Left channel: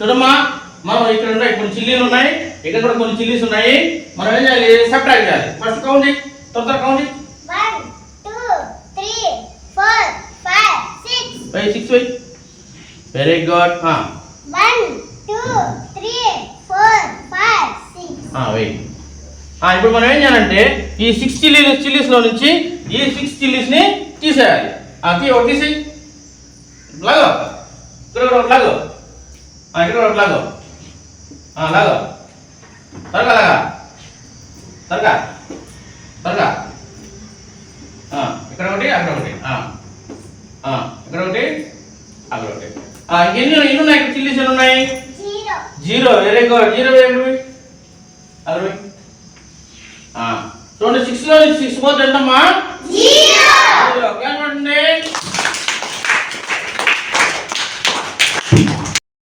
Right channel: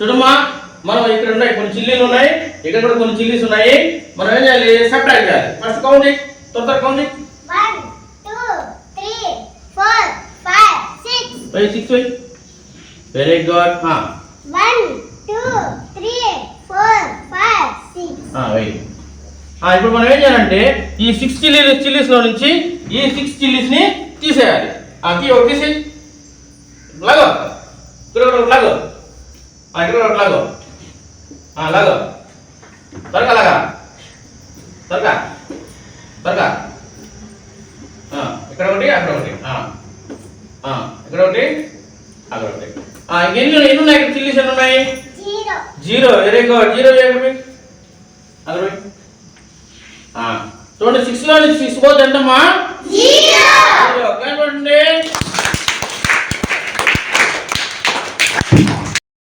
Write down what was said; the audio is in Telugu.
చూడమ్మా, మనం ఇక్కడ ఉన్నాయి కొన్ని చిల్లీలు ఉన్నాయి, ఇక్కడ కూడా కొన్ని చిల్లీస్ ఉన్నాయి. మనం ఏం చేయాలి? సబ్ట్రాక్ట్ చేయాలి. ఫస్ట్ కౌంట్ చేయి, తొందర కౌంట్ చేయి. 1 2 3 4 5 6 వెయ్ 6 వెయ్. Very good. 1 2 3 4 5 6 వెయ్. ఇప్పుడు మనం ఏం చేయాలంటే ఈ 6 చిల్లీస్ లో నుంచి ఈ 6 చిల్లీస్ ని తీసేయాలి. ఒకటి తీసేయి. లాగో, ఇక్కడ కూడా ఒకటి లాగో, ఇక్కడ కూడా ఒకటి లాగో, లాగో, త్వరగా లాగా, త్వరగా త్వరగా. ఇక్కడ ఒకటి, అక్కడ ఒకటి, ఇక్కడ ఒకటి, అక్కడ ఒకటి. ఎన్ని ఉన్నాయి ఇక్కడ చిల్లీస్? ఎన్ని ఉన్నాయి? 0. Very good. 0 వేయండి. అక్కడ చూడండి, 6 లో 6 పోతే ఎంతమ్మా? 0. చూడండి.